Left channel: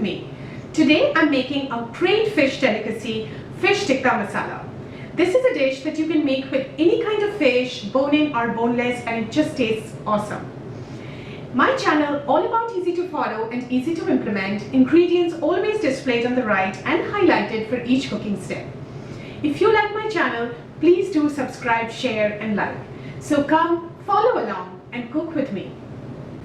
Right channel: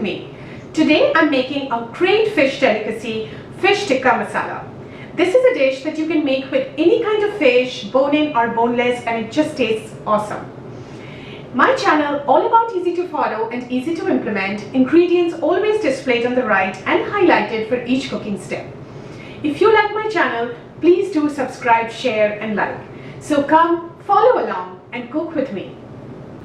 with me. Today I'm making a great fish delicacy, fish tikka masala. This is a dish that you can make with any kind of fish, bone-in or boneless, and it just tastes awesome. My channel, all about easy to follow and easy to implement, ingredients always displayed on the right and highlighted for each cooking step. If you like my channel, please do subscribe, share and like. So come, follow along and cook with me.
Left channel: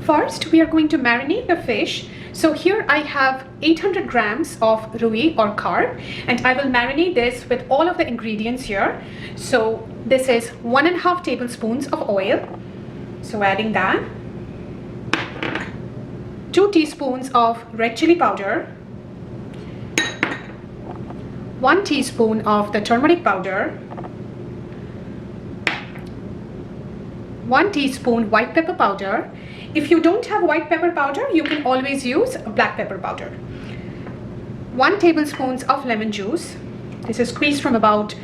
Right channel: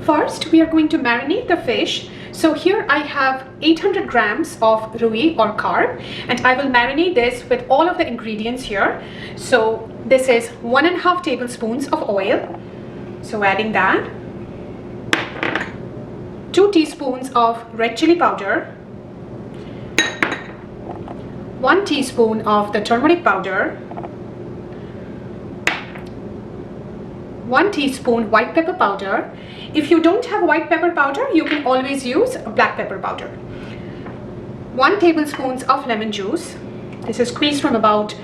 First, we are going to marinate the fish. So here I have 800 grams of rui or carp, and I will marinate this with all of the ingredients here. So this is 1.5 tablespoons of oil. So adding that, 2 teaspoons of red chili powder, 1 teaspoon of the turmeric powder, 1 teaspoon white pepper powder. If you don't have white pepper powder, you can always use black pepper powder. 1 tablespoon of lemon juice. This is squeezed from about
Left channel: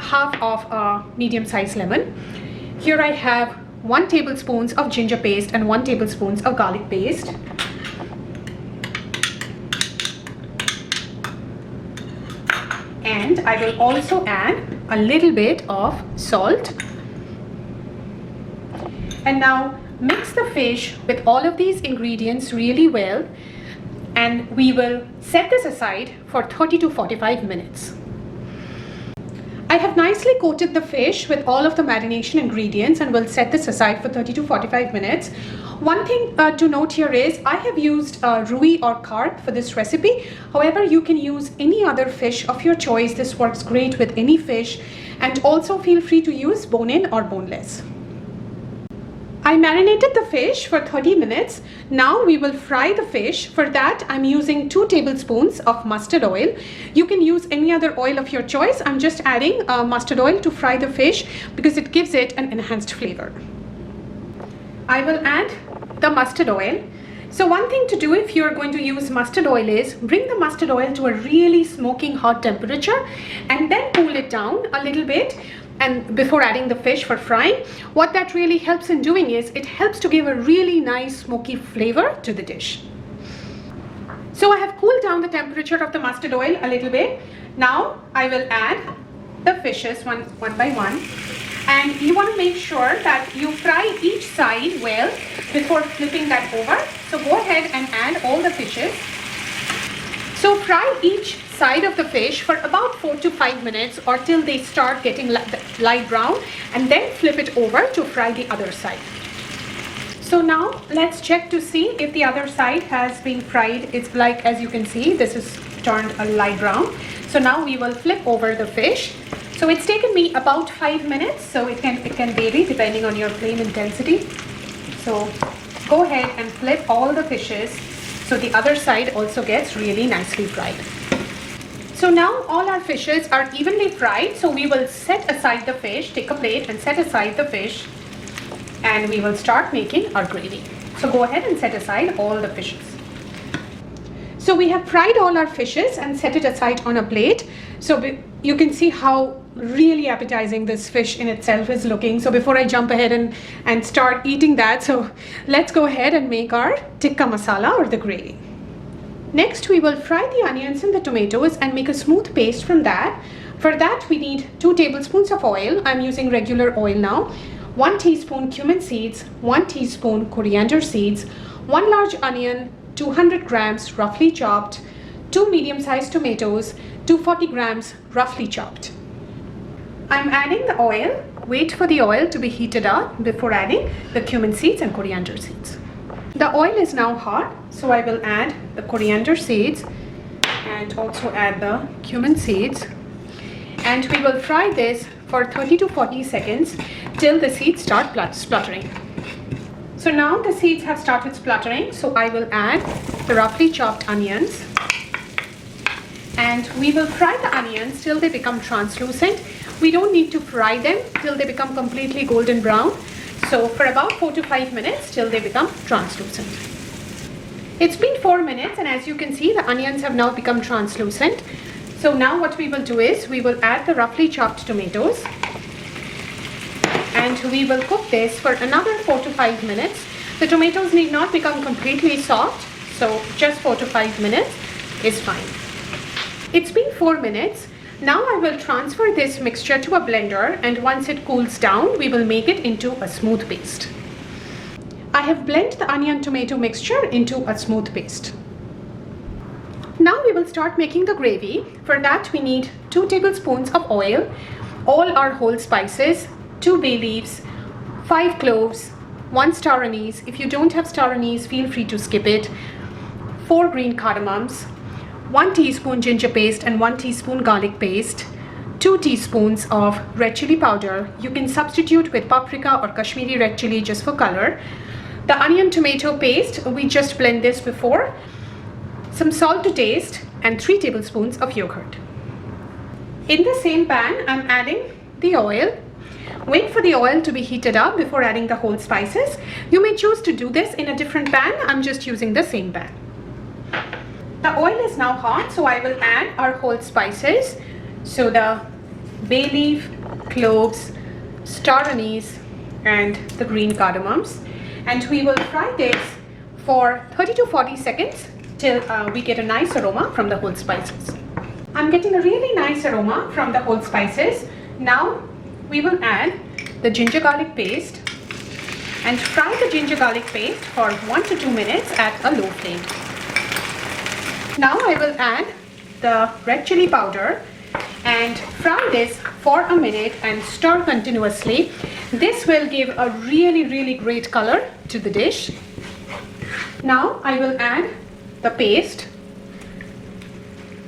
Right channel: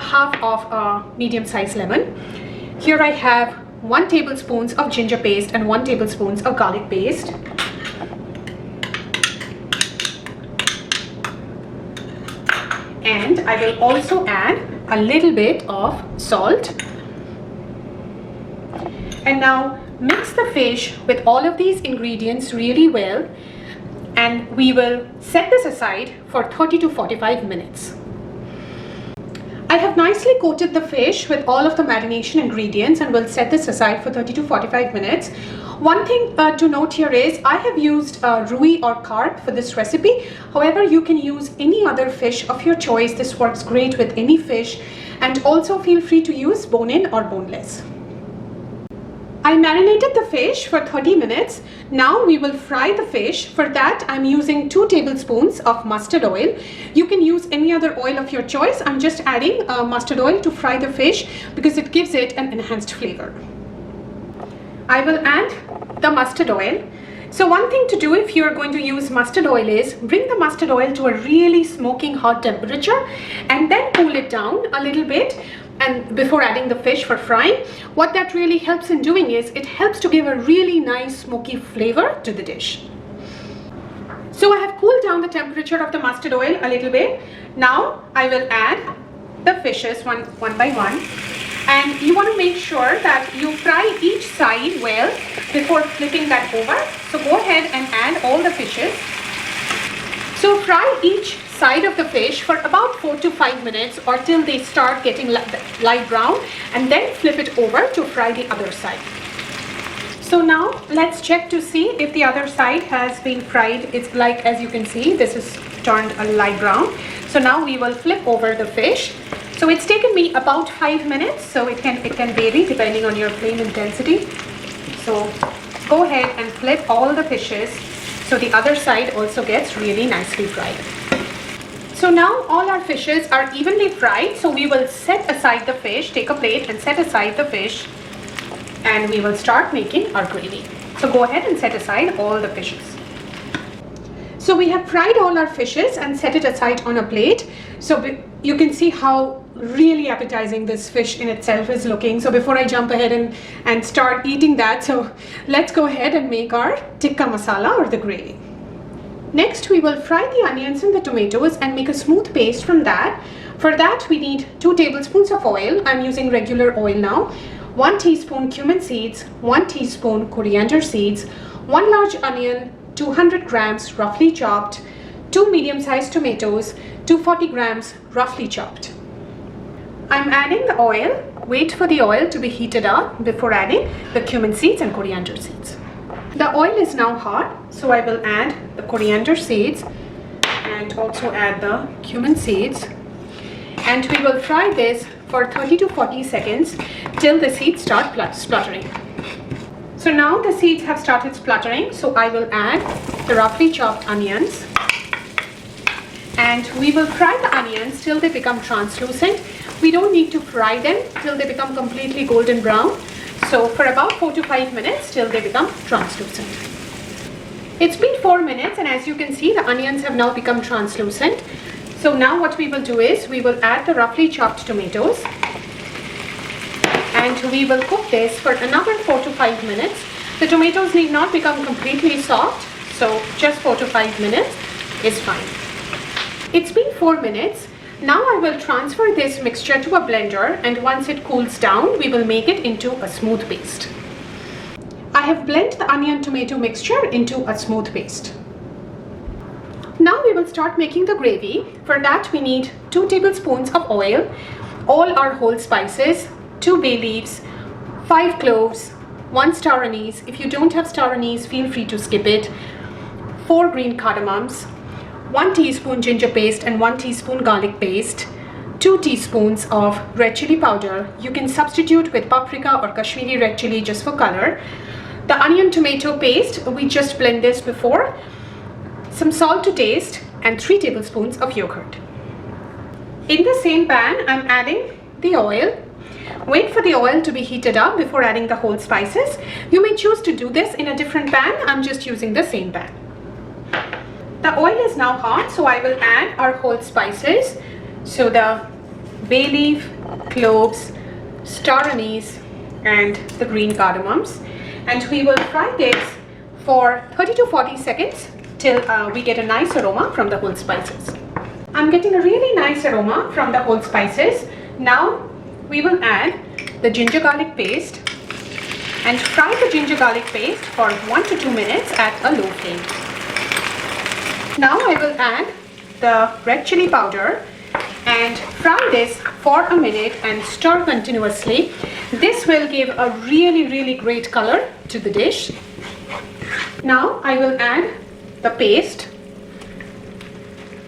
half of a medium-sized lemon. Here I have 1 tablespoon of ginger paste and 1 tablespoon of garlic paste. And I will also add a little bit of salt. And now mix the fish with all of these ingredients really well, and we will set this aside for 30 to 45 minutes. I have nicely coated the fish with all of the marination ingredients and will set this aside for 30 to 45 minutes. One thing to note here is I have used rui or carp for this recipe. However, you can use any other fish of your choice. This works great with any fish, and also feel free to use bone-in or boneless. I marinated the fish for 30 minutes. Now we will fry the fish. For that, I'm using 2 tablespoons of mustard oil. You can use any other oil of your choice. I'm just adding mustard oil to fry the fish because it gives it an enhanced flavor. I will add the mustard oil. So one thing to do if you're going to use mustard oil is bring the mustard oil to a really smoking hot temperature and then cool it down a little bit, and before adding the fish for frying. What that really helps in doing is it helps to give a really nice smoky flavor to the dish. So I have cooled down the temperature of the mustard oil a little bit. Now I will add the fishes one by one, and you want to make sure that you fry each side well before flipping that over. So go ahead and add all the fishes. So fry each side of the fish for about 4 to 5 minutes or till they start getting light brown, and then flip it over to fry the other side. So now let's check to see if the other side has been fried. It's like, as you can see, this is turned a light brown. So now we will flip over the fish. So it's taken me about 5 minutes, so it can vary depending on your flame intensity. So go ahead and flip all the fishes so the other side also gets really nicely fried. So now all our fishes are evenly fried, so we will set aside the fish, take a plate and set aside the fish, and we will start making our gravy. So go ahead and set aside all the fishes. So we have fried all our fishes and set it aside on a plate. So you can see how really appetizing this fish in itself is looking. So before I jump ahead and start eating that, so let's go ahead and make our tikka masala or the gravy. Next, we will fry the onions and the tomatoes and make a smooth paste from that. For that, we need 2 tablespoons of oil. I'm using regular oil now. 1 teaspoon cumin seeds, 1 teaspoon coriander seeds, 1 large onion, 200 grams roughly chopped, 2 medium-sized tomatoes, 240 grams roughly chopped. I'm adding the oil. Wait for the oil to be heated up before adding the cumin seeds and coriander seeds. The oil is now hot, so I will add the coriander seeds and also add the cumin seeds, and we will fry this for 30 to 40 seconds till the seeds start spluttering. So now the seeds have started spluttering, so I will add the roughly chopped onions, and we will fry the onions till they become translucent. We don't need to fry them till they become completely golden brown. So for about 4 to 5 minutes till they become translucent. It's been 4 minutes, and as you can see, the onions have now become translucent. So now what we will do is we will add the roughly chopped tomatoes, and we will cook this for another 4 to 5 minutes. The tomatoes need not become completely soft, So just 4 to 5 minutes is fine. It's been 4 minutes. Now I will transfer this mixture to a blender, and once it cools down, we will make it into a smooth paste. I have blended the onion tomato mixture into a smooth paste. Now we will start making the gravy. For that we need 2 tablespoons of oil, all our whole spices, 2 bay leaves, 5 cloves, 1 star anise. If you don't have star anise, feel free to skip it. 4 green cardamoms, 1 teaspoon ginger paste and 1 teaspoon garlic paste, 2 teaspoons of red chili powder. You can substitute with paprika or Kashmiri red chili just for color. The onion tomato paste, we just blend this before. Some salt to taste and 3 tablespoons of yogurt. In the same pan, I'm adding the oil. Wait for the oil to be heated up before adding the whole spices. You may choose to do this in a different pan. I'm just using the same pan. The oil is now hot, so I will add our whole spices. So the bay leaf, cloves, star anise and the green cardamoms. And we will fry this for 30 to 40 seconds till we get a nice aroma from the whole spices. I'm getting a really nice aroma from the whole spices. Now we will add the ginger garlic paste and fry the ginger garlic paste for 1 to 2 minutes at a low flame. Now I will add the red chili powder and fry this for a minute and stir continuously. This will give a really great color to the dish. Now I will add the paste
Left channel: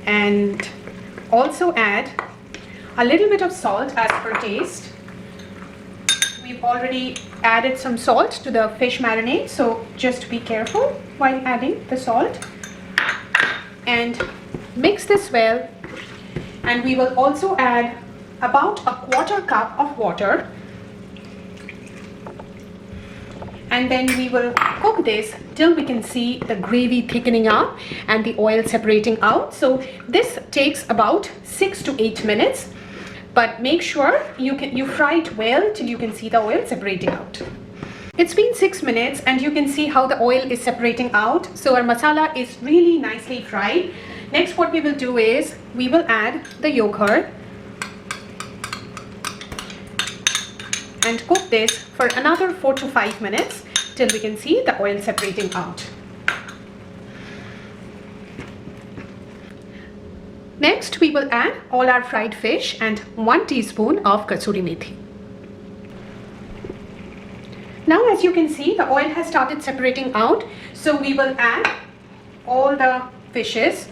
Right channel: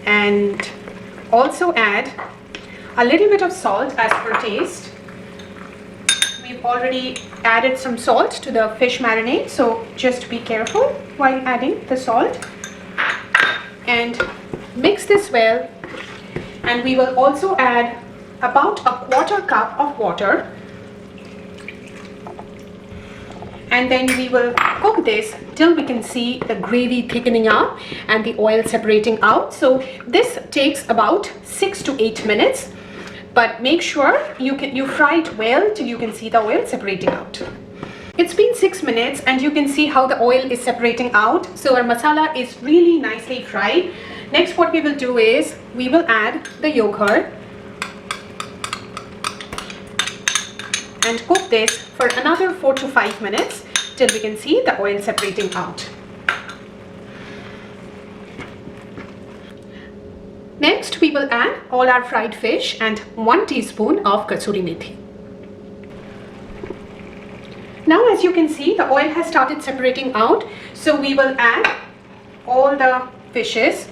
and also add a little bit of salt as per taste. We've already added some salt to the fish marinade, so just be careful while adding the salt. And mix this well, and we will also add about a 1/4 cup of water, and then we will cook this till we can see the gravy thickening up and the oil separating out. So this takes about 6 to 8 minutes, but make sure you fry it well till you can see the oil separating out. It's been 6 minutes and you can see how the oil is separating out. So our masala is really nicely fried. Next, what we will do is we will add the yogurt and cook this for another 4 to 5 minutes till we can see the oil separating out. Next, we will add all our fried fish and 1 teaspoon of kasuri methi. Now, as you can see, the oil has started separating out, so we will add all the fishes.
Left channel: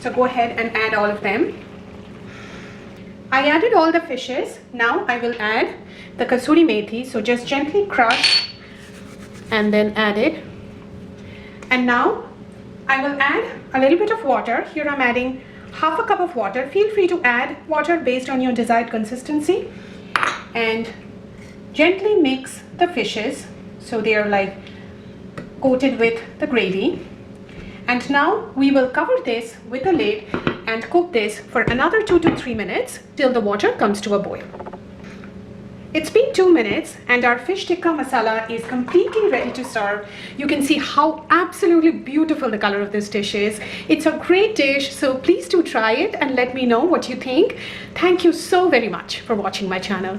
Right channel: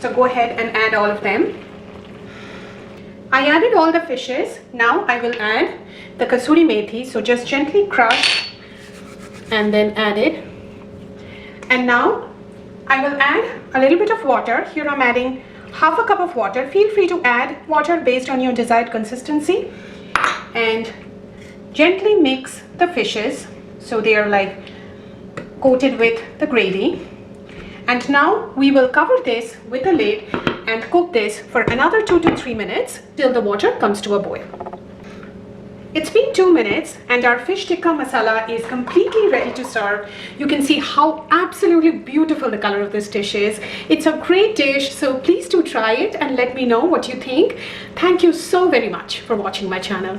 So go ahead and add all of them. I added all the fishes. Now I will add the kasuri methi. So just gently crush and then add it. And now I will add a little bit of water. Here I'm adding half a cup of water. Feel free to add water based on your desired consistency. And gently mix the fishes so they are like coated with the gravy. And now we will cover this with a lid and cook this for another 2 to 3 minutes till the water comes to a boil. It's been 2 minutes and our fish tikka masala is completely ready to serve. You can see how absolutely beautiful the color of this dish is. It's a great dish, so please do try it and let me know what you think. Thank you so very much for watching my channel.